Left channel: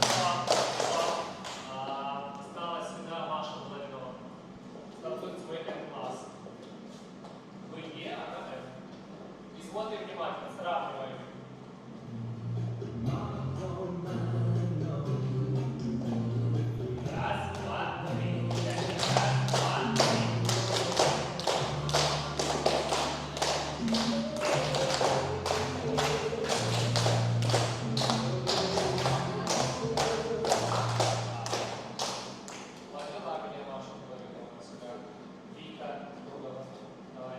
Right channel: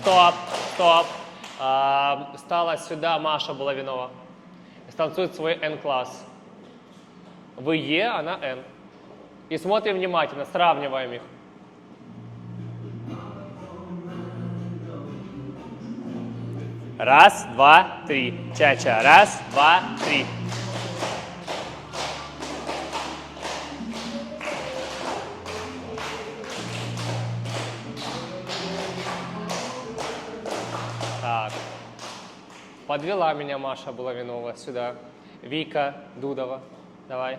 Стоп, стоп. Стала сюда Маша Булавинова. Станцует свой N-класс. Вы Е, она N. И смотрим внимательно, сравниваем их. Раз, два, три. Ча-ча. Раз, два, три. Так. Подвела меня Маша Булавинова сюда. Вика Дудова. Давай.